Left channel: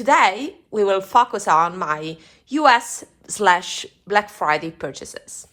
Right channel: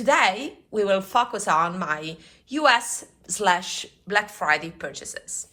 Today, we will focus on my US/Black Friday purchases.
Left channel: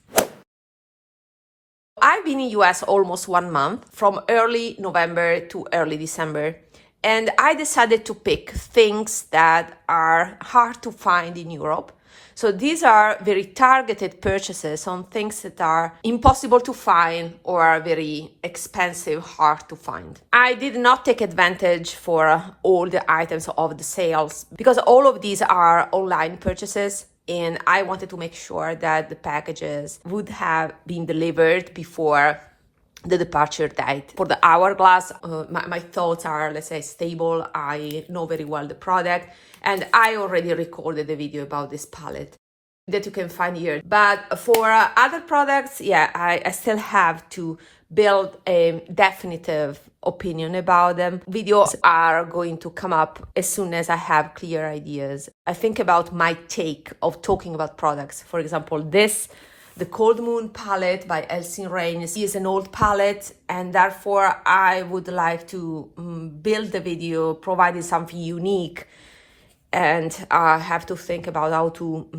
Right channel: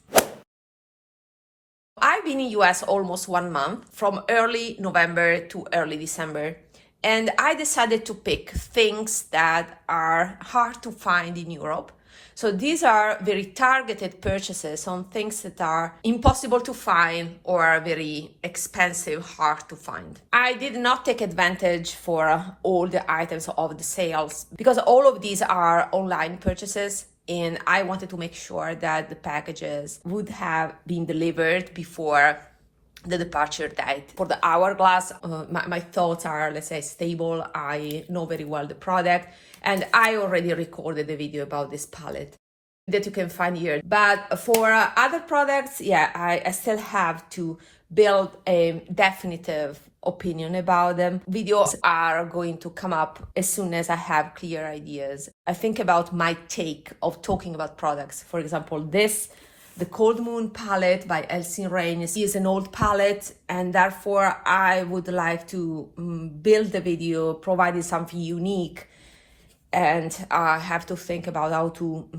I've been in US almost 1 month, from early November to early December, and I decided to pick things that are hard to find in Europe. So these are very targeted purchases on things that are impossible to find or are very expensive, hard to find. I did not take advantage for all the items of the sales because all of these are online purchases, and I wanted to make sure that the packages would have been delivered before the departure date. For the hourglass, my thoughts are, let's say, stable. I know very well the product, and I already recorded a video about this palette that you can find here. But for other products, I still have to build a definitive opinion about them. Videos are going to come up as soon as I have clear ideas. I think about my take of talking about products. For example, the Cold Moon palette by Ensley Reign is an old palette, and therefore I would like to build the video providing something unique, and I have to think about how to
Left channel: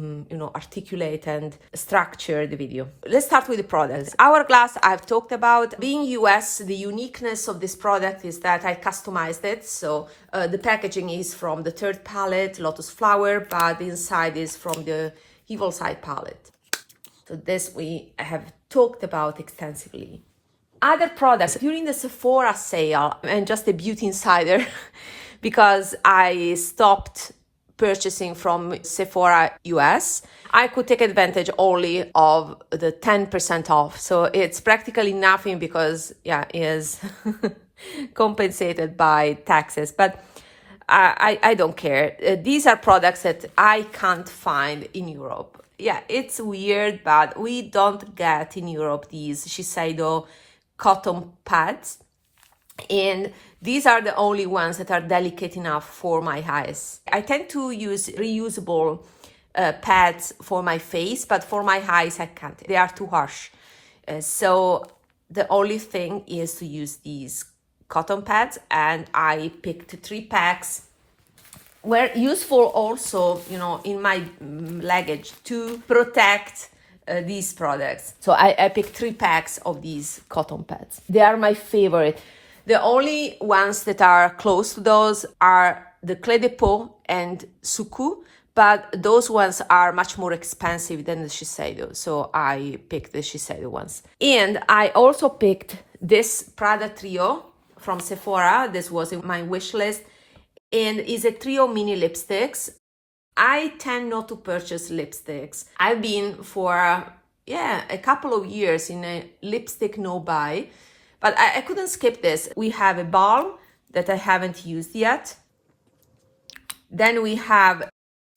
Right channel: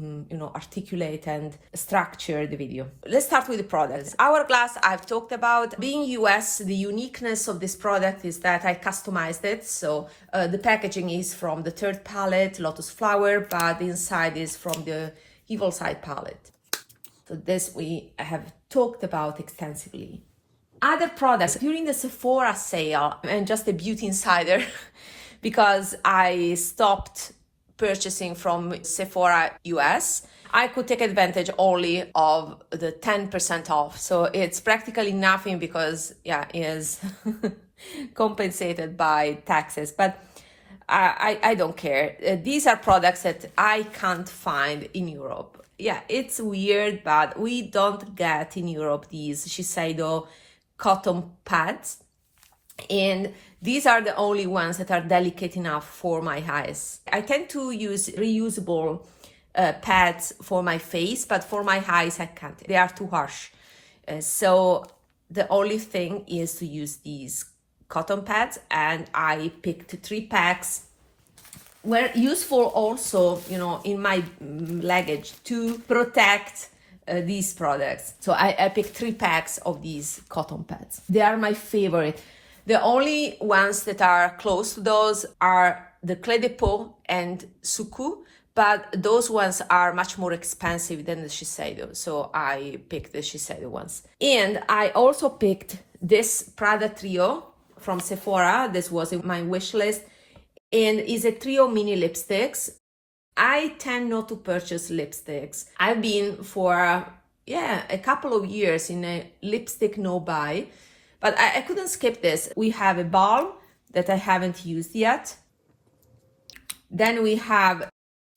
articulate and structure the video. Let's start with the products. Hourglass I've talked about. Being US, the uniqueness of this product is that I customized it. So the packaging is from the third palette, Lotus Flower, but the inside is from the Evil Side palette. So this we have talked about extensively. Other products during the Sephora sale, and just a beauty insider, because I stopped purchasing from Sephora US, I could take advantage only of the 10% off. So it's practically nothing because it is compensated by taxes. But I don't care. These are products that I can't find in Europe. Yeah, it's weird, but we don't get in Europe these Shiseido cotton pads. And these are the only ones that are delicate enough for my eyes. I tend to use reusable pads for my face, but for my eyes I can't. They are too harsh. So the only thing is to use these cotton pads, and I picked 3 packs. Were useful also, in my luggage to protect these products. So I picked 3 packs of these cotton pads. They are my favorite. The only ones that are close to those are the Clé de Peau and Suku, but those ones are much more expensive than the Shiseido. So I picked the Shiseido ones. And I also picked this Prada trio from Sephora. This was in my wish list. And it's a trio mini lipsticks. I tend not to purchase lipsticks. I've been for a couple of years in a lipstick no buy, but I couldn't skip this. We have a balm that I haven't used yet. Then we have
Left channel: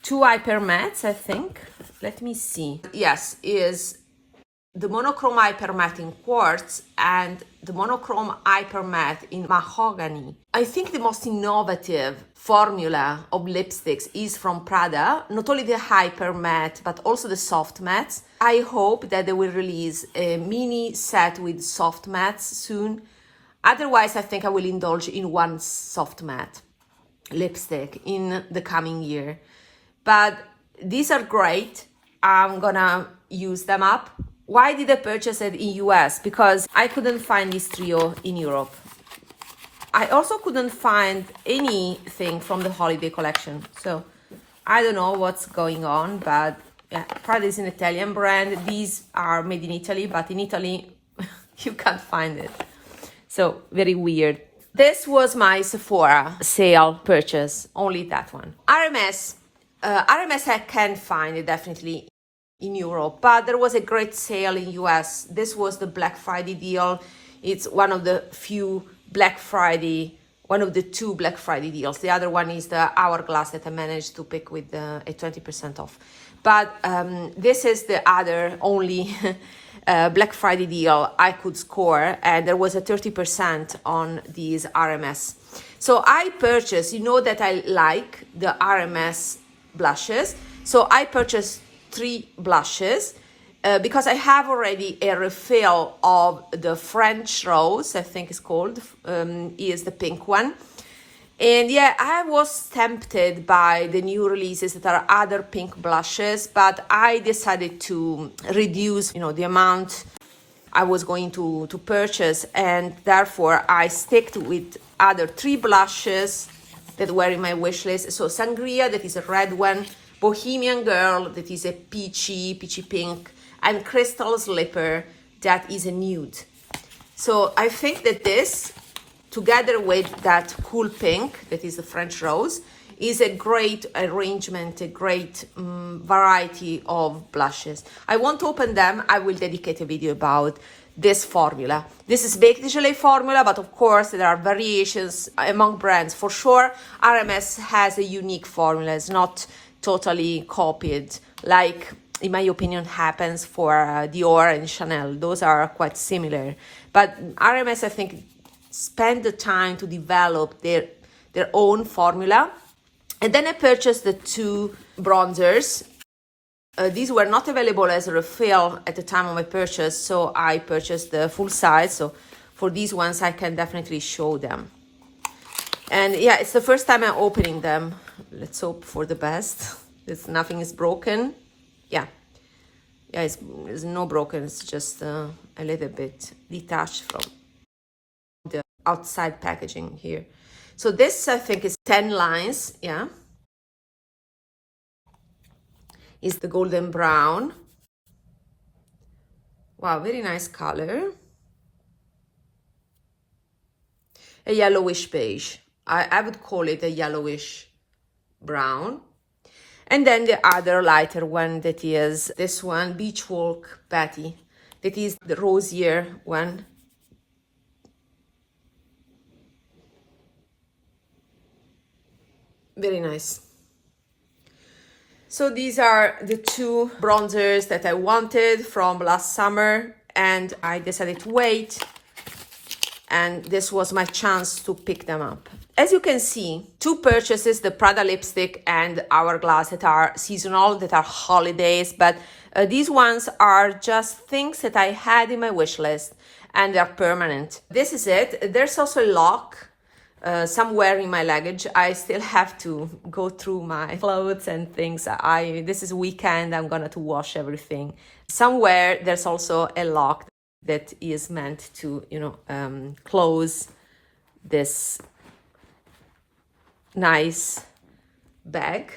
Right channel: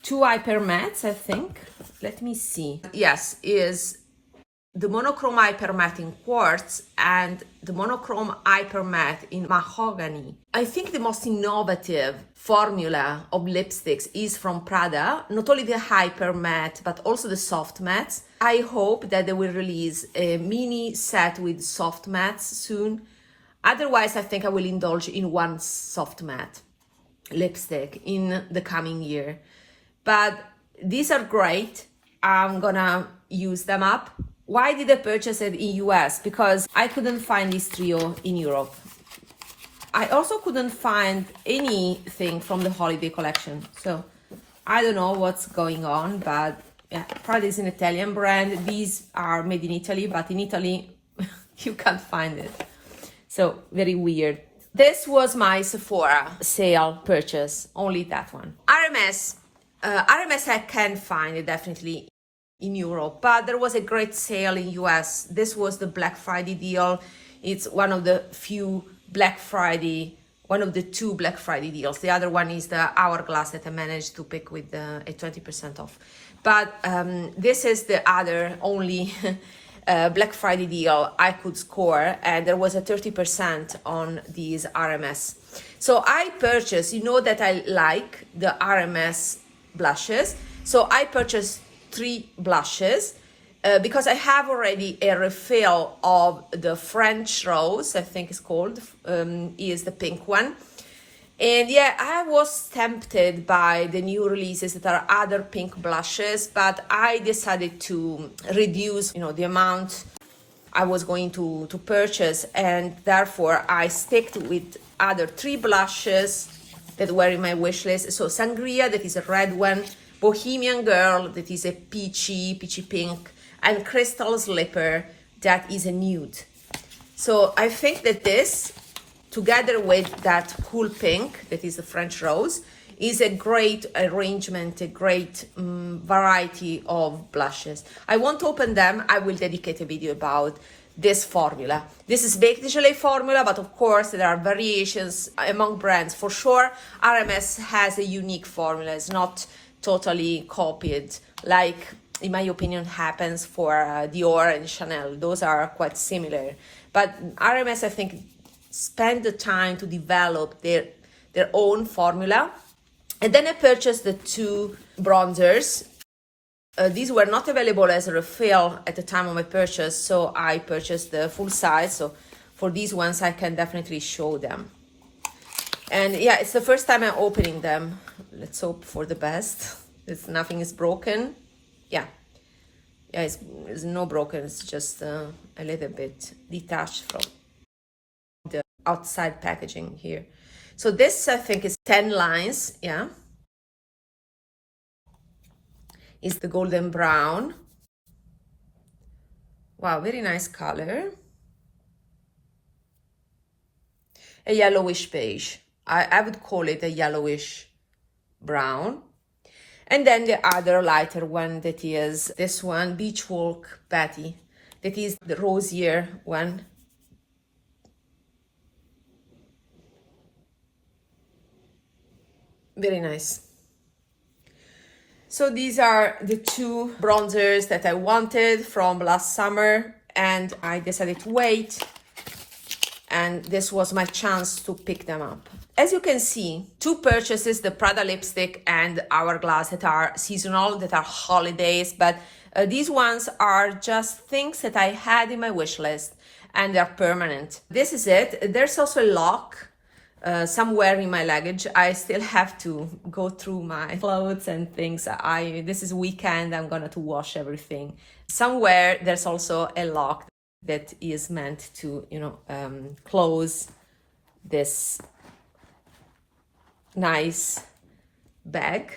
2 hyper mattes, I think. Let me see. Yes, is the monochrome hyper matte in quartz and the monochrome hyper matte in mahogany. I think the most innovative formula of lipsticks is from Prada, not only the hyper matte, but also the soft mattes. I hope that they will release a mini set with soft mattes soon. Otherwise, I think I will indulge in one soft matte lipstick in the coming year. But these are great. I'm gonna use them up. Why did I purchase it in US? Because I couldn't find this trio in Europe. I also couldn't find anything from the holiday collection. So I don't know what's going on, but Prada is an Italian brand. These are made in Italy, but in Italy you can't find it. So very weird. This was my Sephora sale purchase, only that one. RMS. RMS I can find it definitely in Europe, but there was a great sale in US. This was the Black Friday deal. It's one of the 2 Black Friday deals. The other one is the Hourglass that I managed to pick with a 20% off. But this is the other only Black Friday deal I could score, and there was a 30% on these RMS. So I purchased, that I like the RMS blushes. So I purchased 3 blushes because I have already a refill of the French Rose, I think it's called, is the pink one. And yeah, I was tempted by the new releases that are other pink blushes, but I decided to reduce, the amount I was going to purchase, and therefore I stick with other 3 blushes that were in my wish list. So Sangria, that is a red one, Bohemian Girl, that is a peachy pink, and Crystal Slipper, that is a nude. So I think that this, together with that cool pink, that is a French rose, is a great arrangement, a great variety of blushes. I won't open them. I will dedicate a video about this formula. This is baked gelée formula, but of course there are variations among brands. For sure, RMS has a unique formula. It's not totally copied, like, in my opinion, happens for Dior and Chanel. Those are quite similar. But RMS, I think, spend the time to develop their own formula. And then I purchased the 2 bronzers. These were not available as a refill at the time of my purchase, so I purchased the full size. So for these ones, I can definitely show them. And yeah, it's the first time I'm opening them. Let's hope for the best. Nothing is broken. Yeah, it's no broken. It's just a little bit detached from the outside packaging here. So this, I think, is 10 lines, yeah. Is the golden brown. Wow, very nice color. A yellowish beige. I would call it a yellowish brown. And then the other lighter one, that is this one, Beach Walk Betty. That is the rosier one. Very nice. So these are the 2 bronzers that I wanted from last summer, and I decided to wait, and this was my chance to pick them up. As you can see, 2 purchases, the Prada lipstick and Hourglass, that are seasonal, that are holidays, but these ones are just things that I had in my wish list, and they're permanent. This is it. There's also a lock somewhere in my luggage. I still have to go through my clothes and things. This is weekend, I'm gonna to wash everything. Somewhere there's also a lock that is meant to, close this nice bag.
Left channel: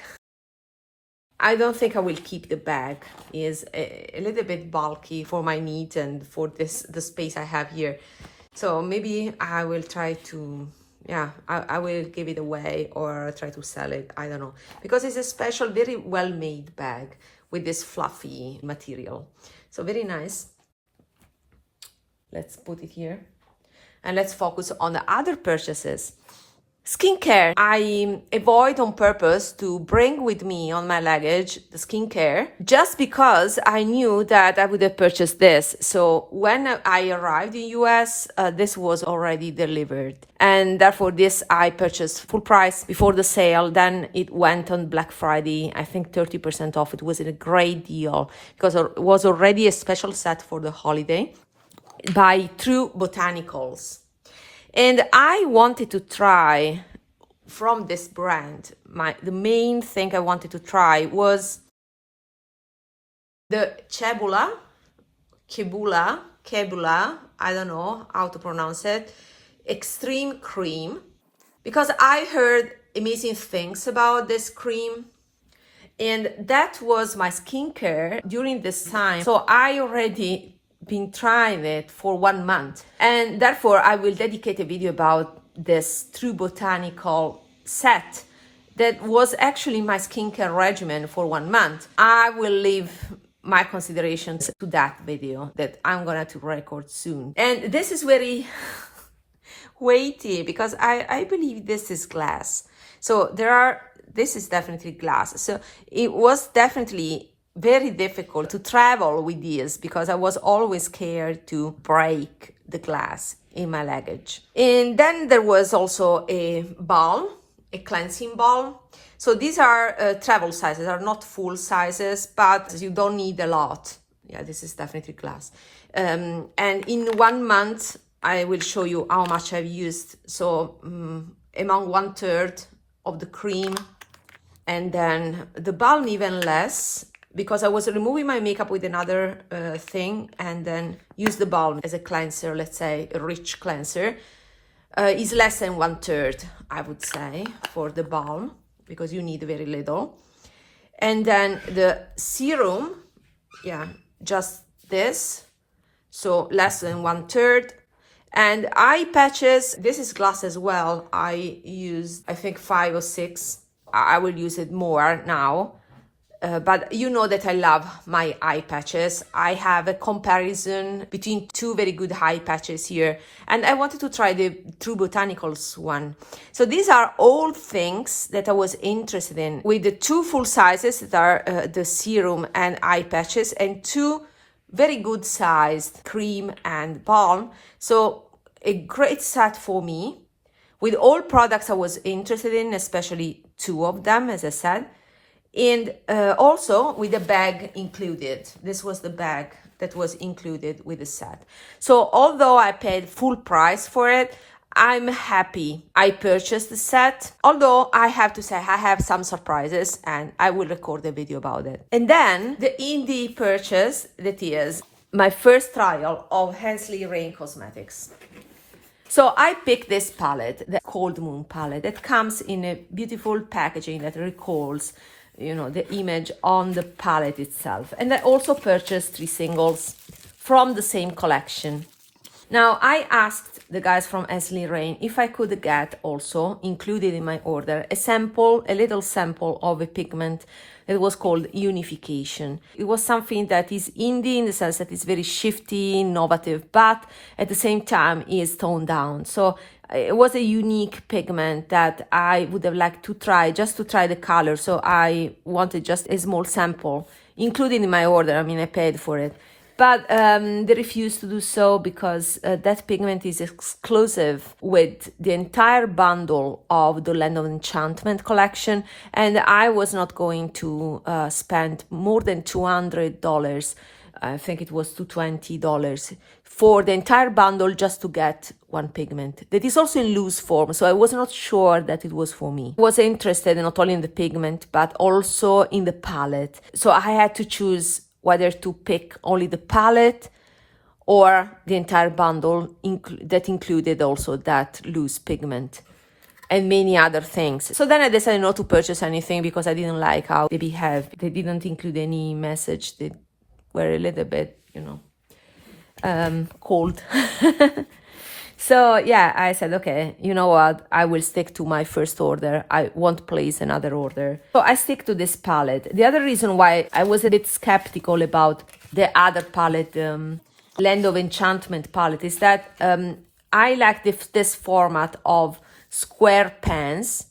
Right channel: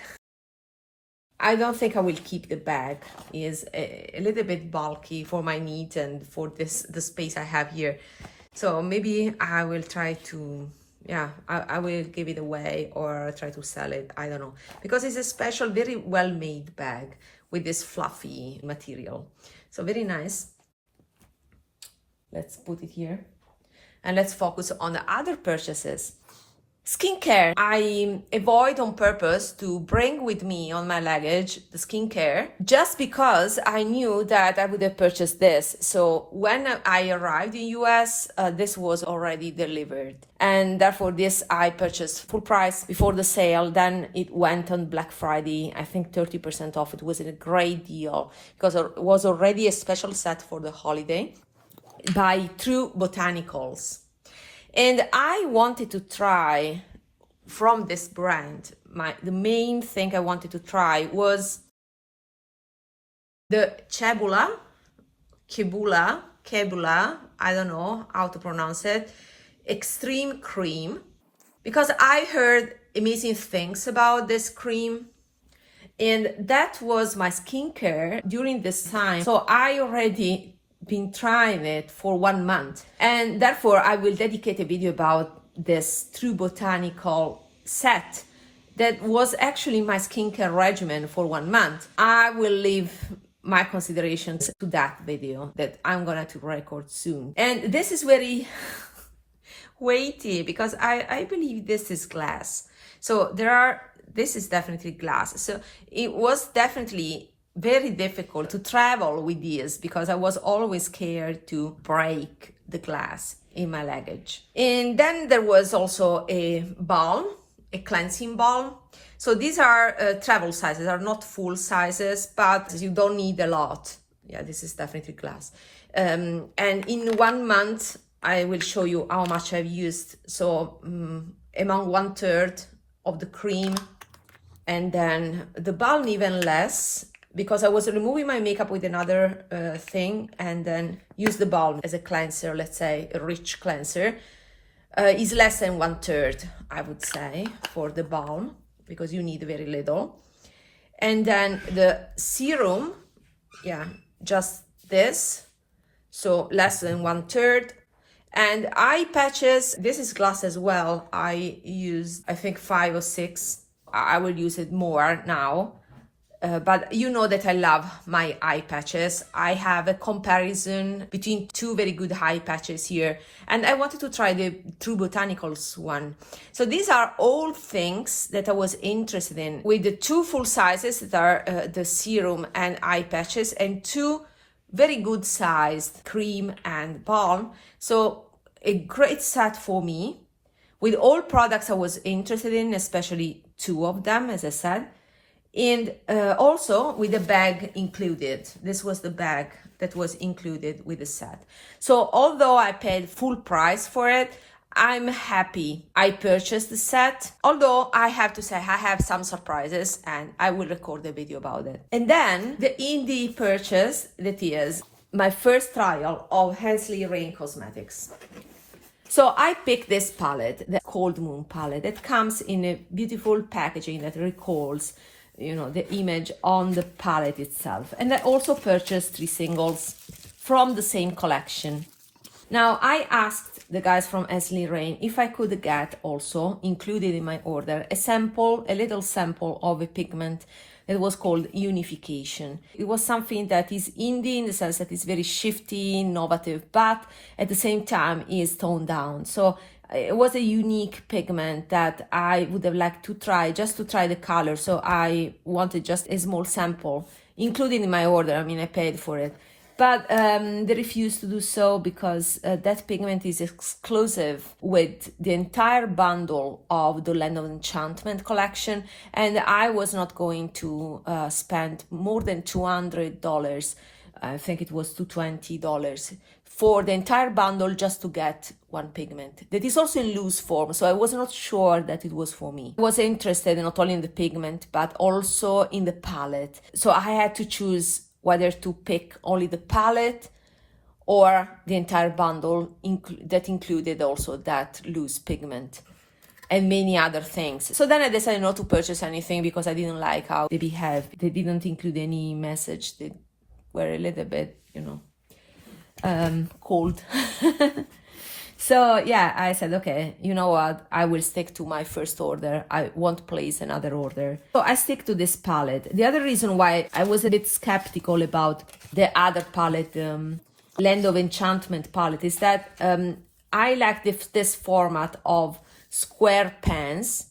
I don't think I will keep the bag. It's a little bit bulky for my needs and for the space I have here. So maybe I will try to, I will give it away or try to sell it. I don't know. Because it's a special, very well-made bag with this fluffy material. So very nice. Let's put it here. And let's focus on the other purchases. Skincare. I avoid on purpose to bring with me on my luggage the skincare, just because I knew that I would have purchased this. So when I arrived in US, this was already delivered. And therefore this I purchased full price before the sale. Then it went on Black Friday, I think 30% off. It was a great deal because it was already a special set for the holiday by True Botanicals. And I wanted to try from this brand, the main thing I wanted to try was the Kebula, I don't know how to pronounce it, Extreme Cream, because I heard amazing things about this cream. And that was my skincare during this time. So I already been trying it for 1 month, and therefore I will dedicate a video about this True Botanical set that was actually my skincare regimen for 1 month. I will leave my considerations to that video that I'm gonna to record soon. And this is very weighty because I believe this is glass. So this is definitely glass. So it was definitely very difficult to travel with these because I was always scared to break the glass in my luggage. And then there was also a balm, a cleansing balm. So these are travel sizes, are not full sizes, but you don't need a lot. Yeah, this is definitely glass. And in 1 month, I will show you how much I've used. So among 1/3 of the cream, and then the balm even less, because I was removing my makeup with another thing, and then use the balm as a cleanser, let's say a rich cleanser. Is less than 1/3, I would say, for the balm, because you need very little. And then the serum, yeah, just this, so less than 1/3. And eye patches, this is glass as well. I used, I think, 5 or 6. I will use it more now. But you know that I love my eye patches. I have a comparison between two very good eye patches here, and I wanted to try the True Botanicals one. So these are all things that I was interested in, with the 2 full sizes that are the serum and eye patches, and 2 very good sized cream and balm. So a great set for me with all products I was interested in, especially 2 of them, as I said. And also with the bag included. This was the bag that was included with the set. So although I paid full price for it, I'm happy I purchased the set. Although I have to say I have some surprises, and I will record a video about it. And then the indie purchase, that is my first trial of Ensley Reign cosmetics. So I picked this palette, the Cold Moon palette, that comes in a beautiful packaging that recalls, you know, the image on the palette itself. And I also purchased 3 singles from the same collection. Now, I asked the guys from Ensley Reign if I could get also included in my order a little sample of a pigment that was called Unification. It was something that is indie in the sense that it's very shifty, innovative, but at the same time is toned down. So it was a unique pigment that I would have liked to try, just to try the color. So I wanted just a small sample included in my order. I mean, I paid for it. But they refused to do so because that pigment is exclusive with the entire bundle of the Land of Enchantment collection. And I was not going to spend more than $200. I think it was $220 for the entire bundle just to get one pigment that is also in loose form. So I was not sure that it was for me. I was interested not only in the pigment, but also in the palette. So I had to choose whether to pick only the palette or the entire bundle that included also that loose pigment and many other things. So then I decided not to purchase anything because I didn't like how they behaved. They didn't include any message. They were a little bit, you know, cold. So yeah, I said, okay, you know what? I will stick to my first order. I won't place another order. So I stick to this palette. The other reason why I was a bit skeptical about the other palette, Land of Enchantment palette, is that I like this format of square pens,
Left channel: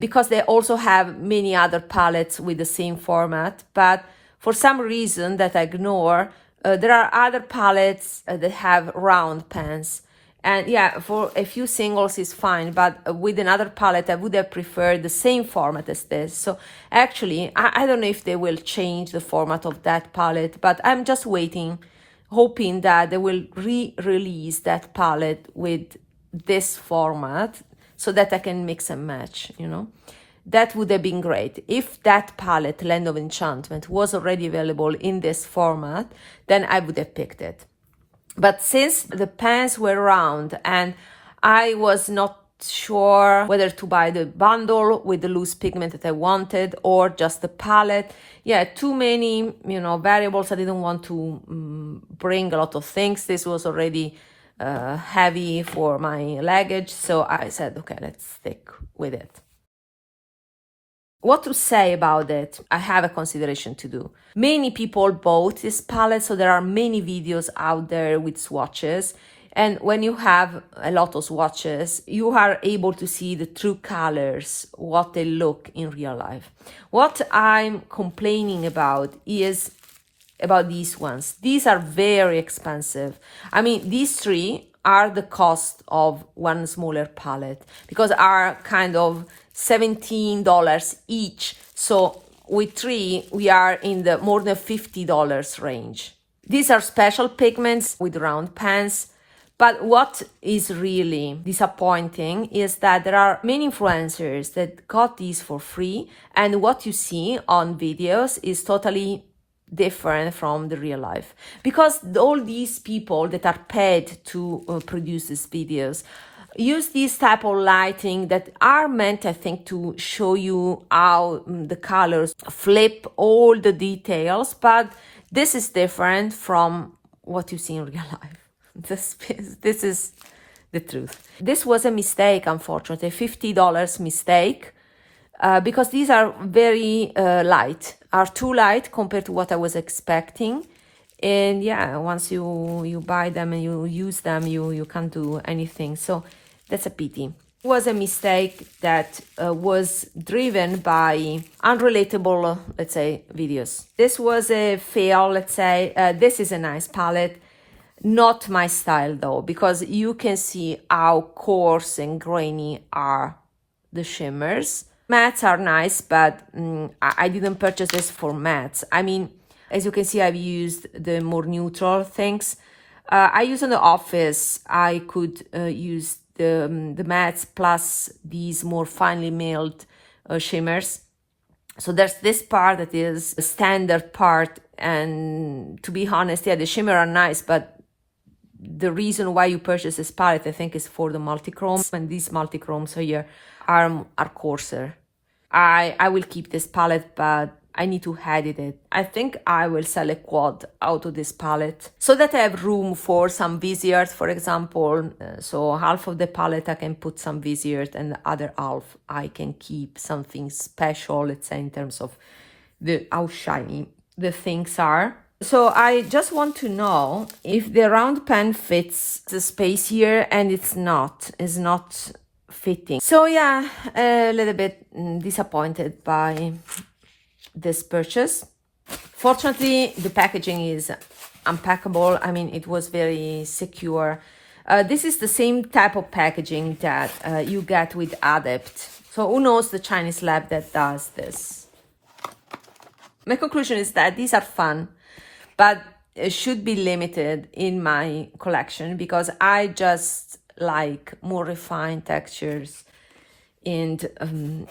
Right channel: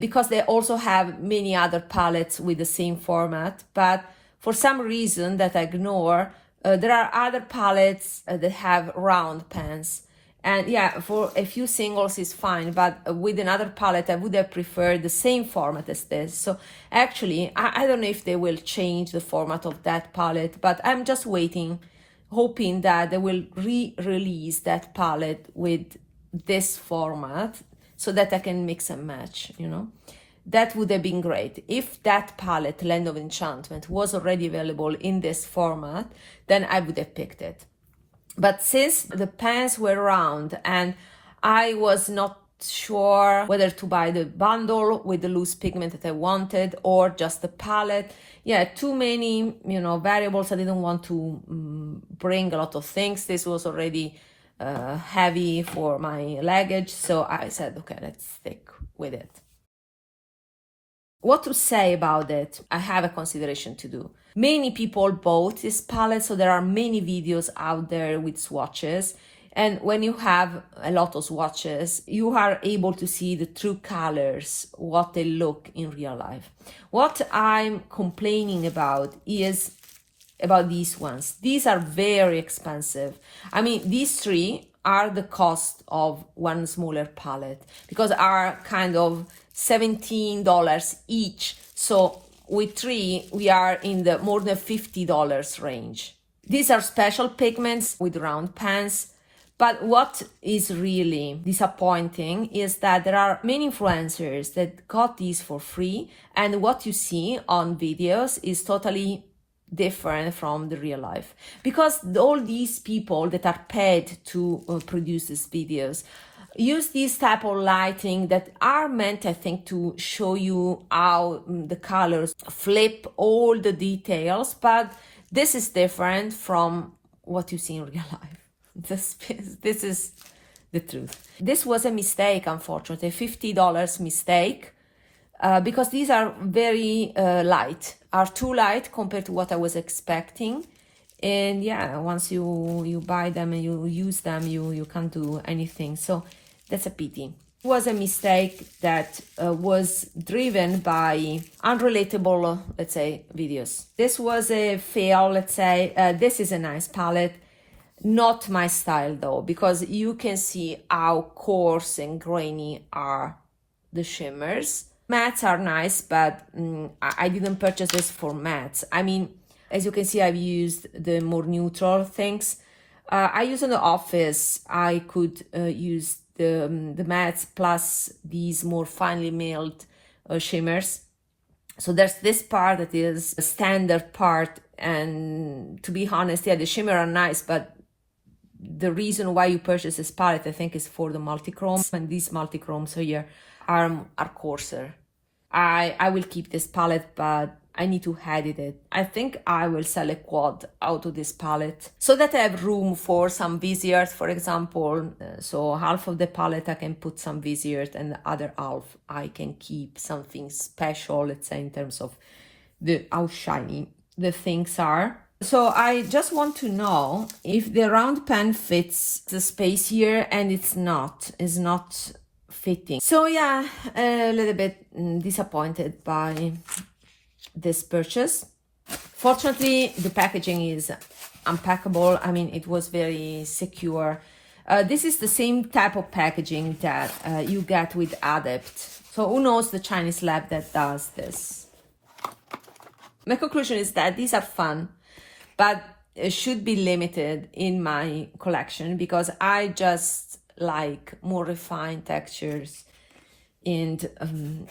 because they also have many other palettes with the same format. But for some reason that I ignore, there are other palettes that have round pens. And yeah, for a few singles is fine, but with another palette, I would have preferred the same format as this. So actually, I don't know if they will change the format of that palette, but I'm just waiting, hoping that they will re-release that palette with this format so that I can mix and match, you know. That would have been great. If that palette, Land of Enchantment, was already available in this format, then I would have picked it. But since the pens were round and I was not sure whether to buy the bundle with the loose pigment that I wanted or just the palette, yeah, too many, you know, variables. I didn't want to bring a lot of things. This was already heavy for my luggage. So I said, okay, let's stick with it. What to say about it? I have a consideration to do. Many people bought this palette, so there are many videos out there with swatches. And when you have a lot of swatches, you are able to see the true colors, what they look in real life. What I'm complaining about is about these ones. These are very expensive. I mean, these 3 are the cost of one smaller palette, because are kind of $17 each. So with 3, we are in the more than $50 range. These are special pigments with round pens, But what is really disappointing is that there are many influencers that got these for free, and what you see on videos is totally different from the real life, because all these people that are paid to produce these videos use this type of lighting that are meant, I think, to show you how the colors flip all the details, but this is different from what you see in real life. This is the truth. This was a mistake, unfortunately, $50 mistake, because these are very light, are too light compared to what I was expecting. And yeah, once you buy them and you use them, you can't do anything. So that's a pity. It was a mistake that was driven by unrelatable, let's say, videos. This was a fail, let's say. This is a nice palette. Not my style though, because you can see how coarse and grainy are the shimmers. Mattes are nice, but I didn't purchase this for mattes. I mean, as you can see, I've used the more neutral things. I use in the office, I could use the mattes plus these more finely milled shimmers. So there's this part that is a standard part, and to be honest, yeah, the shimmer are nice, but the reason why you purchase this palette, I think, is for the multichromes, and these multichromes here are coarser. I will keep this palette, but I need to edit it. I think I will sell a quad out of this palette so that I have room for some visiers, for example. So half of the palette I can put some visiers, and the other half I can keep something special, let's say, in terms of how shiny the things are. So I just want to know if the round pen fits the space here, and it's not fitting. So yeah, a little bit disappointed by this purchase. Fortunately, the packaging is unpackable. I mean, it was very secure. This is the same type of packaging that you get with Adept. So who knows the Chinese lab that does this. My conclusion is that these are fun, but it should be limited in my collection, because I just like more refined textures, and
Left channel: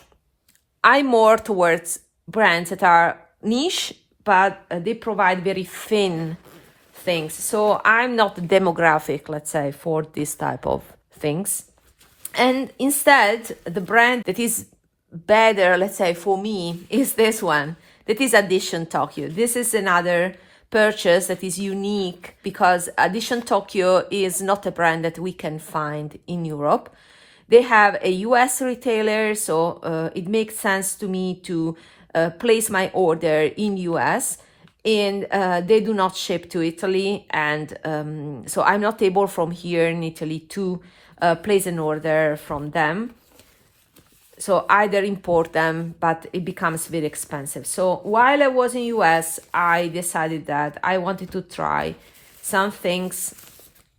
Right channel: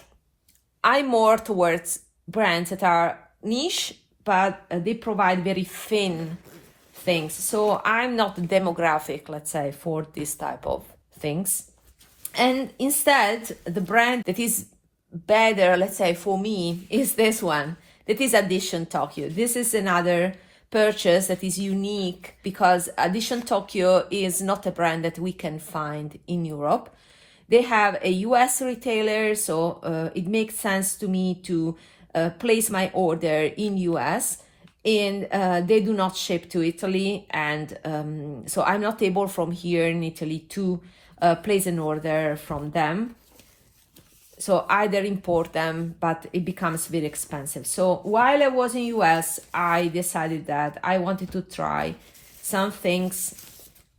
I'm more towards brands that are niche, but they provide very thin things. So I'm not the demographic, let's say, for this type of things. And instead, the brand that is better, let's say, for me is this one. That is Edition Tokyo. This is another purchase that is unique, because Edition Tokyo is not a brand that we can find in Europe. They have a US retailer, so it makes sense to me to place my order in US, and they do not ship to Italy, and so I'm not able from here in Italy to place an order from them. So either import them, but it becomes very expensive. So while I was in US, I decided that I wanted to try some things,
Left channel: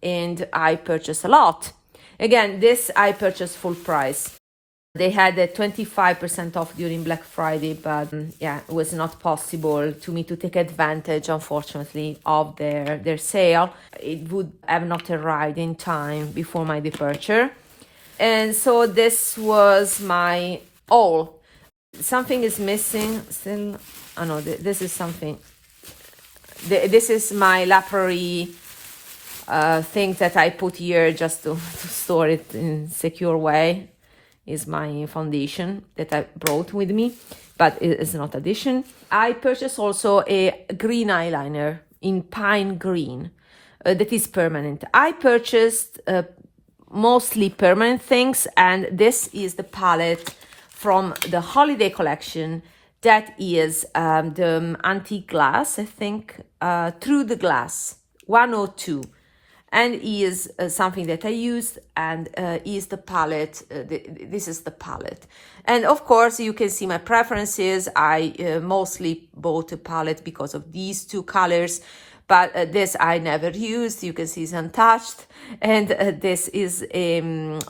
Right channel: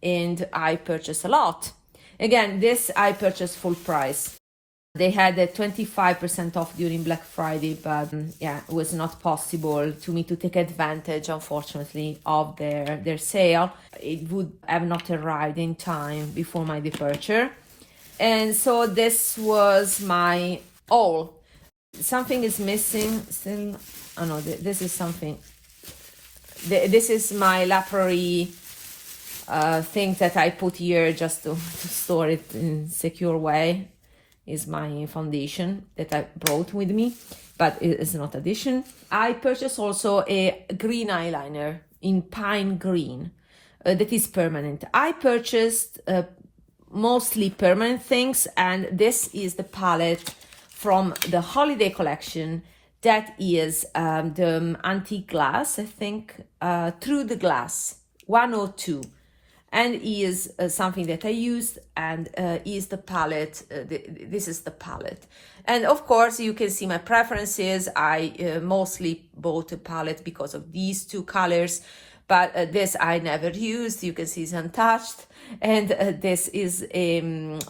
and I purchased a lot. Again, this I purchased full price. They had a 25% off during Black Friday, but yeah, it was not possible to me to take advantage, unfortunately, of their sale. It would have not arrived in time before my departure. And so this was my all. Something is missing still. Oh no, this is something. This is my La Prairie thing that I put here just to store it in a secure way. Is my foundation that I brought with me, but it is not addition. I purchased also a green eyeliner in pine green that is permanent. I purchased mostly permanent things, and this is the palette from the holiday collection that is the Antique Glass, I think, Through the Glass 102, and is something that I used, and is the palette. This is the palette, and of course you can see my preferences. I mostly bought a palette because of these two colors, but this I never used. You can see it's untouched, and this is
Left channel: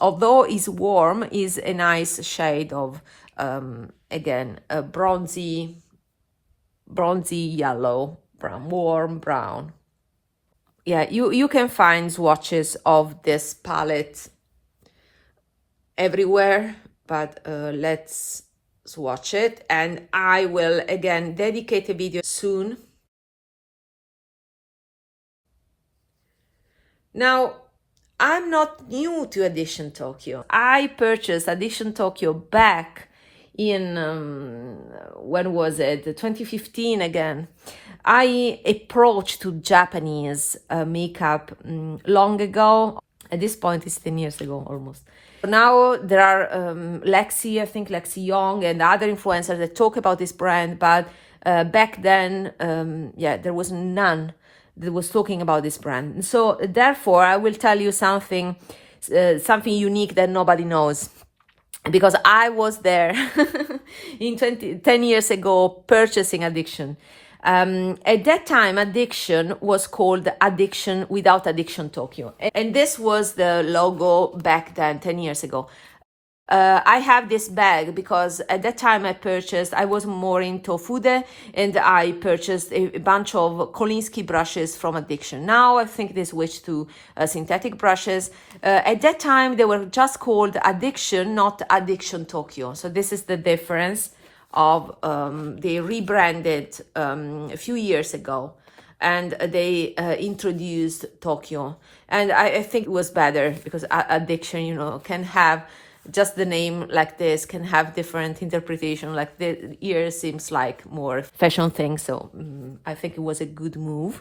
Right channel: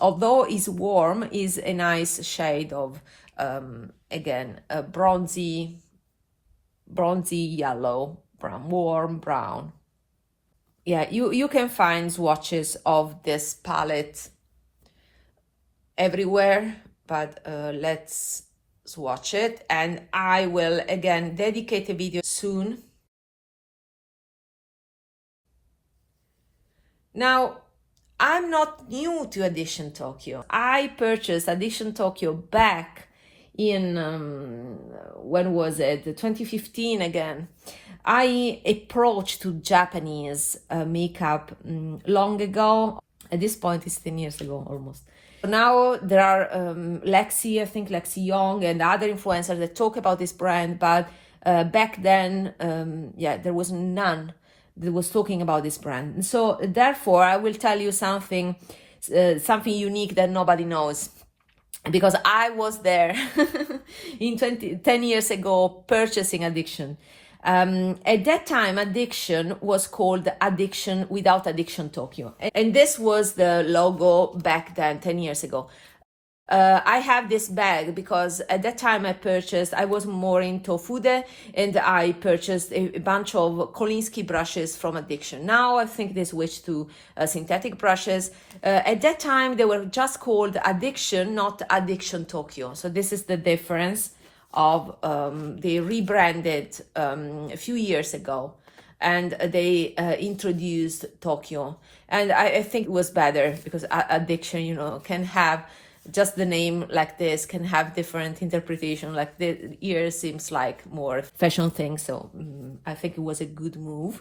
although it's warm, is a nice shade of again a bronzy yellow, brown, warm brown. yeah, you can find swatches of this palette everywhere, but let's swatch it, and I will again dedicate a video soon. Now, I'm not new to Edition Tokyo. I purchased Edition Tokyo back in, when was it? 2015 again. I approached to Japanese makeup long ago. At this point, it's 10 years ago almost. Now there are Lexi, I think Lexi Young and other influencers that talk about this brand, but back then, yeah, there was none that was talking about this brand. And so therefore, I will tell you something unique that nobody knows, because I was there in 10 years ago purchasing Addiction. At that time, Addiction was called Addiction without Addiction Tokyo. And this was the logo back then, 10 years ago. I have this bag because at that time I was more into Fude, and I purchased a bunch of Kolinsky brushes from Addiction. Now I think they switched to synthetic brushes. At that time they were just called Addiction, not Addiction Tokyo. So this is the difference of they rebranded a few years ago, and they introduced Tokyo. And I think it was better because Addiction, you know, can have just the name like this, can have different interpretation. Like the ear seems like more fashion thing, so I think it was a good move.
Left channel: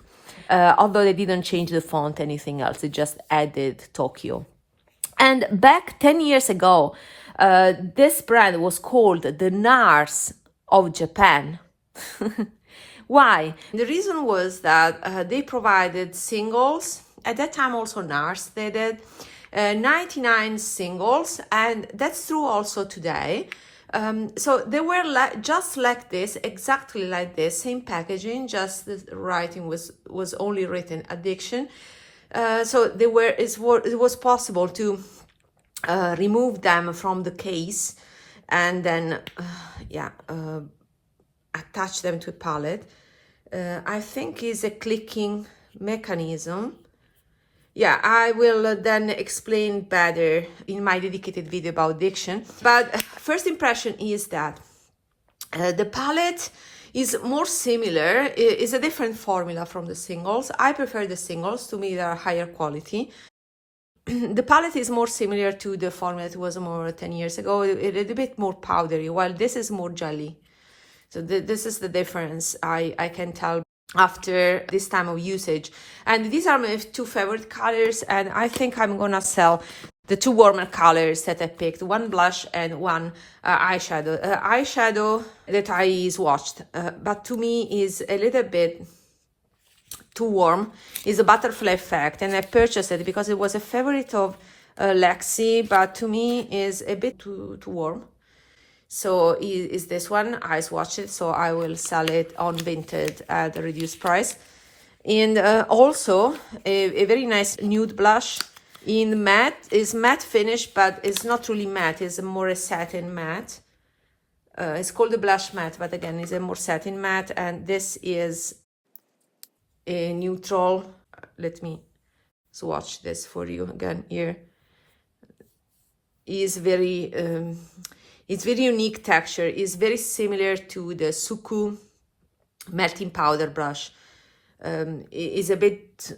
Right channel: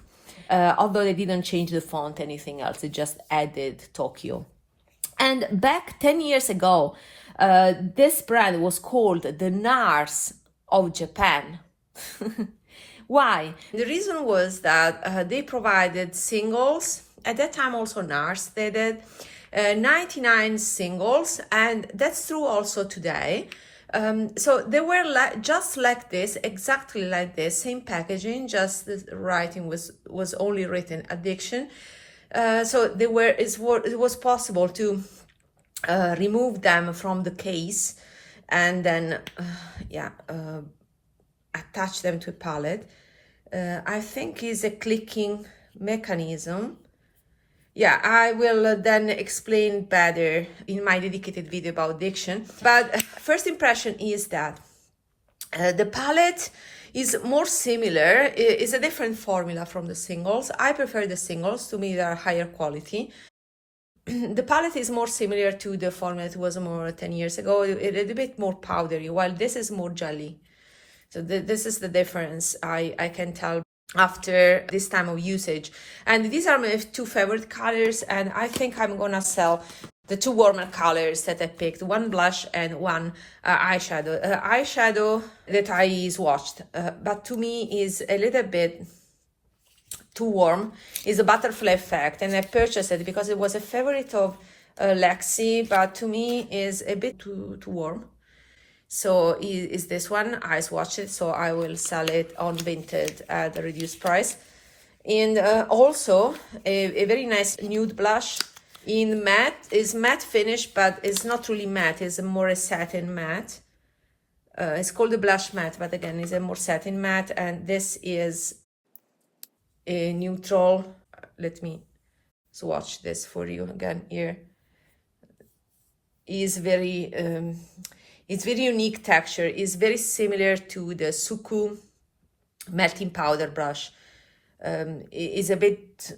Although they didn't change the font, anything else, they just added Tokyo. And back 10 years ago, this brand was called the NARS of Japan. Why? The reason was that they provided singles. At that time also NARS did it. 99 singles, and that's true also today. So they were just like this, exactly like this, same packaging, just the writing was only written Addiction. So it was possible to remove them from the case and then attach them to a palette. I think is a clicking mechanism. Yeah, I will then explain better in my dedicated video about Addiction. But first impression is that the palette is more similar, is a different formula from the singles. I prefer the singles, to me they are higher quality. The palette is more similar to the formula that was more 10 years ago, a little bit more powdery, while this is more jelly. So this is the difference I can tell after this time of usage. And these are my two favorite colors, and I think I'm gonna sell the two warmer colors that I picked, one blush and one eyeshadow. Eyeshadow that I swatched, but to me is a little bit too warm, is a butterfly effect, and I purchased it because it was a favorite of Lexi, but to me is a bit too warm. So is this one, I swatched it, so I will sell it on Vinted at a reduced price. And also a very nice nude blush in matte, is matte finish, but it's not really matte, it's more a satin matte. It's called a blush matte, but again, it's a more satin matte, and this is a neutral. Let me swatch this for you again here. Is very it's very unique texture. It's very similar to the Suku melting powder brush. It's a bit,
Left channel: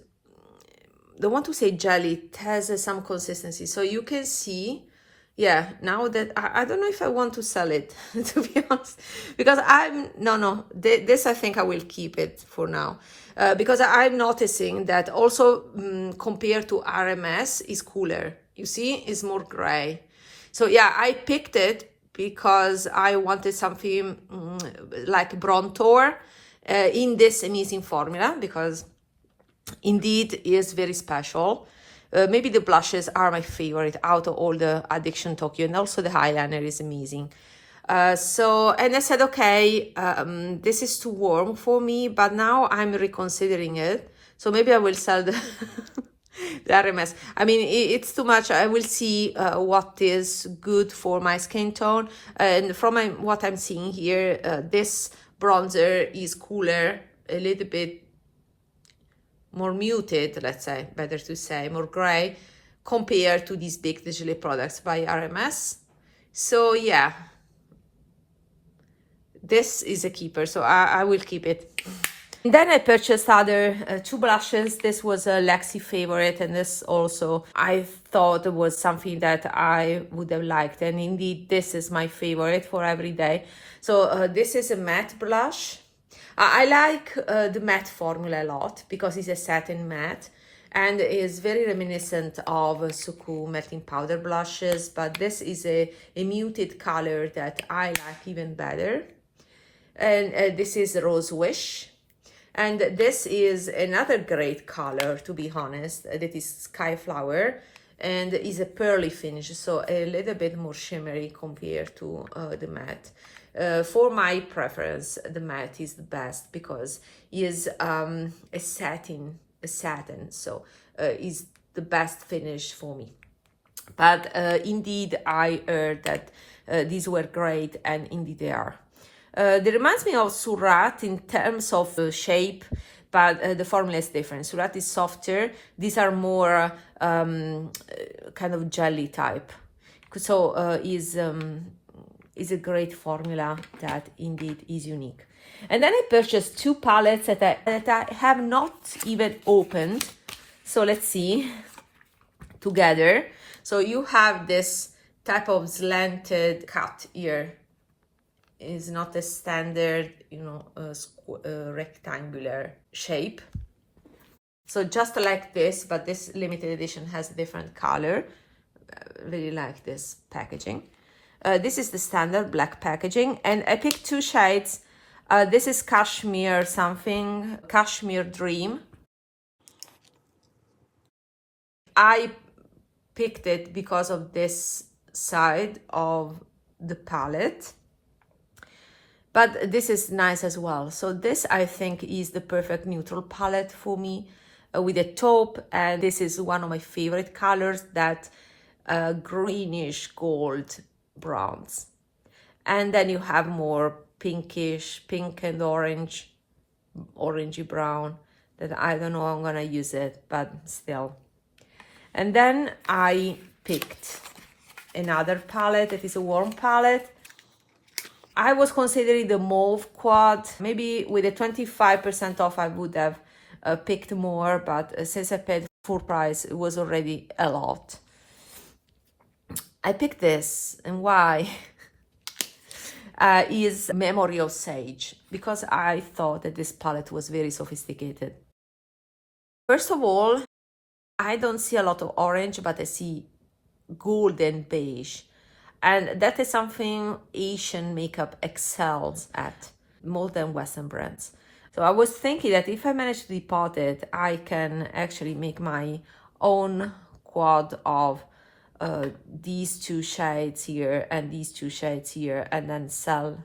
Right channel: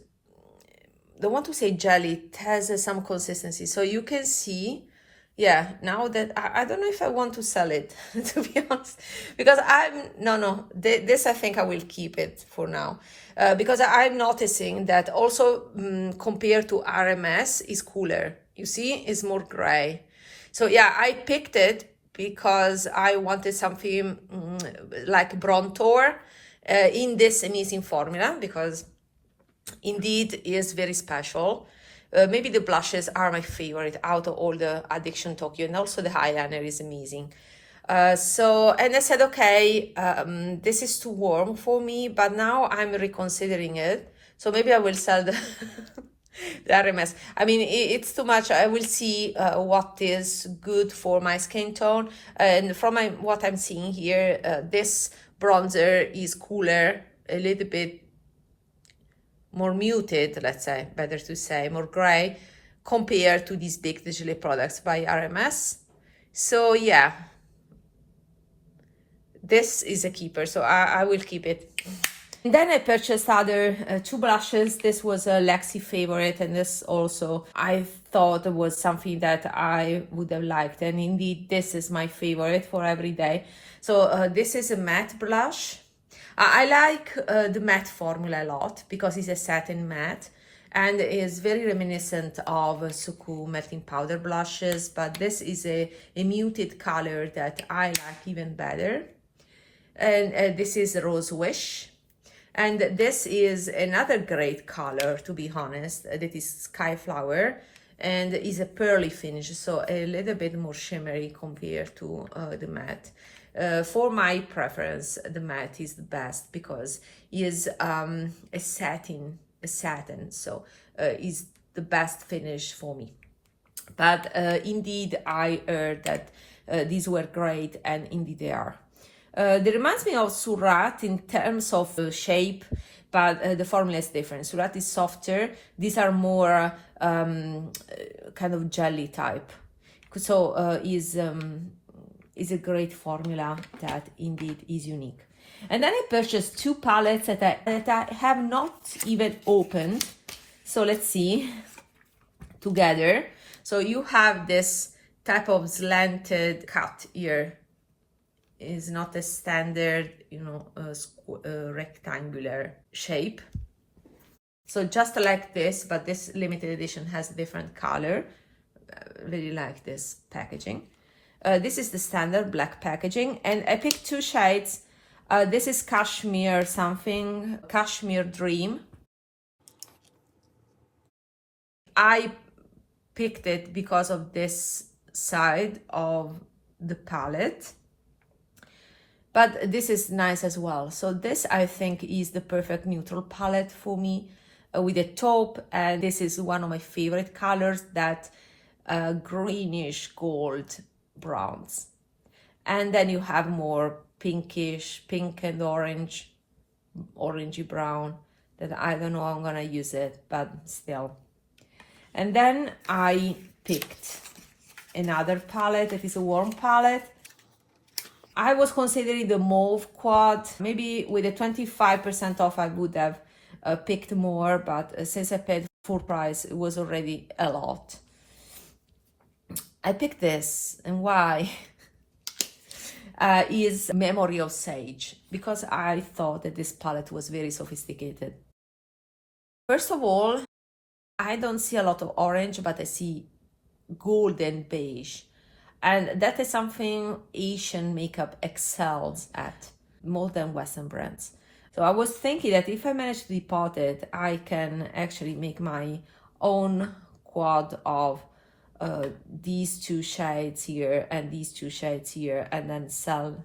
don't want to say jelly, it has some consistency. So you can see, yeah, now that I don't know if I want to sell it, to be honest, because this I think I will keep it for now. Because I'm noticing that also compared to RMS is cooler. You see, it's more gray. So yeah, I picked it because I wanted something like Bronzer in this amazing formula, because indeed it is very special. Maybe the blushes are my favorite out of all the Addiction Tokyo, and also the eyeliner is amazing. And I said, okay, this is too warm for me, but now I'm reconsidering it. So maybe I will sell the the RMS. I mean, it's too much. I will see what is good for my skin tone. And from what I'm seeing here, this bronzer is cooler, a little bit more muted, let's say, better to say, more gray, compared to these big GELÉE products by RMS. So yeah, this is a keeper, so I will keep it. And then I purchased other two blushes. This was a Lexi favorite, and this also I thought was something that I would have liked, and indeed this is my favorite for every day. So this is a matte blush. I like the matte formula a lot because it's a satin matte and is very reminiscent of Suku melting powder blushes, but this is a muted color that I like even better. And this is Rose Wish. And this is another great color, to be honest, that is Sky Flower, and is a pearly finish, so a little bit more shimmery compared to the matte. For my preference, the matte is the best because it is a satin, so is the best finish for me. But indeed, I heard that these were great, and indeed they are. They reminds me of Surat in terms of shape, but the formula is different. Surat is softer. These are more kind of jelly type. So is a great formula that indeed is unique. And then I purchased two palettes that I have not even opened. So let's see together. So you have this type of slanted cut here. Is not a standard, rectangular shape. So just like this, but this limited edition has a different color. Really like this packaging. This is the standard black packaging, and I picked two shades. This is Cashmere something, Cashmere Dream. I picked it because of this side of the palette. But this is nice as well. So this, I think, is the perfect neutral palette for me with a taupe. And this is one of my favorite colors, that greenish gold browns. And then you have more pinkish, pink and orange, orangey brown, that I don't know how I'm going to use it, but still. And then I picked another palette. It is a warm palette. I was considering the mauve quad. Maybe with a 25% off I would have picked more, but since I paid full price, it was already a lot. I picked this, and why? Is Memory of Sage, because I thought that this palette was very sophisticated. First of all, I don't see a lot of orange, but I see golden beige. And that is something Asian makeup excels at more than Western brands. So I was thinking that if I manage to depot it, I can actually make my own quad of these two shades here and these two shades here, and then sell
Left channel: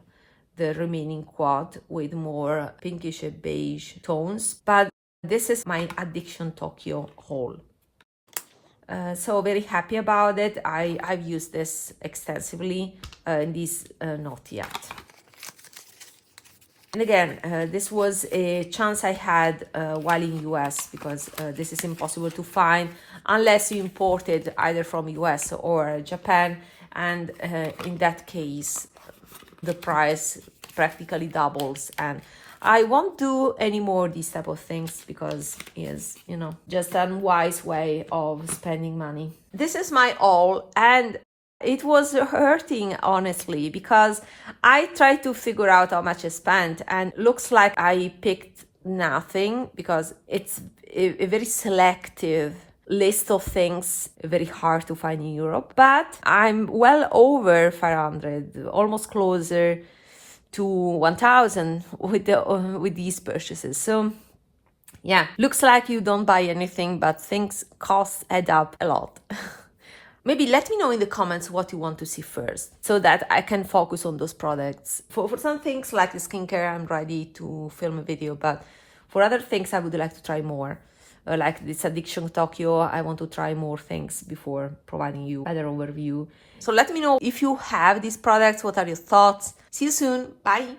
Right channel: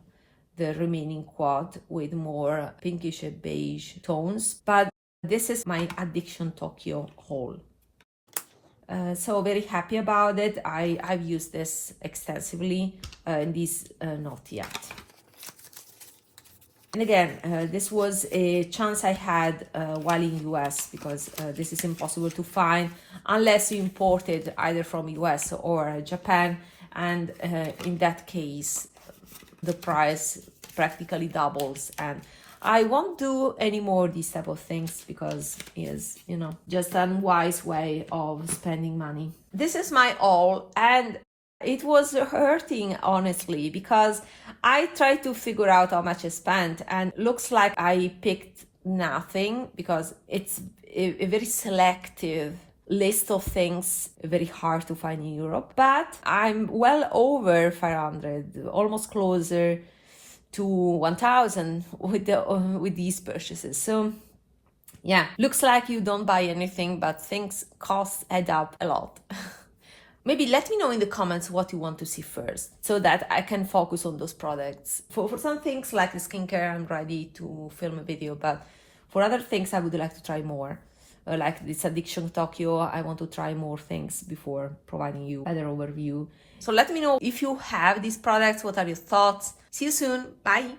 the remaining quad with more pinkish and beige tones. But this is my Addiction Tokyo haul. So very happy about it. I've used this extensively, and this not yet. And again, this was a chance I had while in US, because this is impossible to find unless you imported either from US or Japan, and in that case the price practically doubles, and I won't do any more these type of things because it's, just an unwise way of spending money. This is my haul, and it was hurting, honestly, because I tried to figure out how much I spent, and looks like I picked nothing because it's a very selective list of things, very hard to find in Europe. But I'm well over 500, almost closer to 1,000 with these purchases. So yeah, looks like you don't buy anything, but things add up a lot. Maybe let me know in the comments what you want to see first, so that I can focus on those products. For some things like the skincare, I'm ready to film a video, but for other things I would like to try more. Like this Addiction Tokyo, I want to try more things before providing you another overview. So let me know if you have these products, what are your thoughts. See you soon, bye!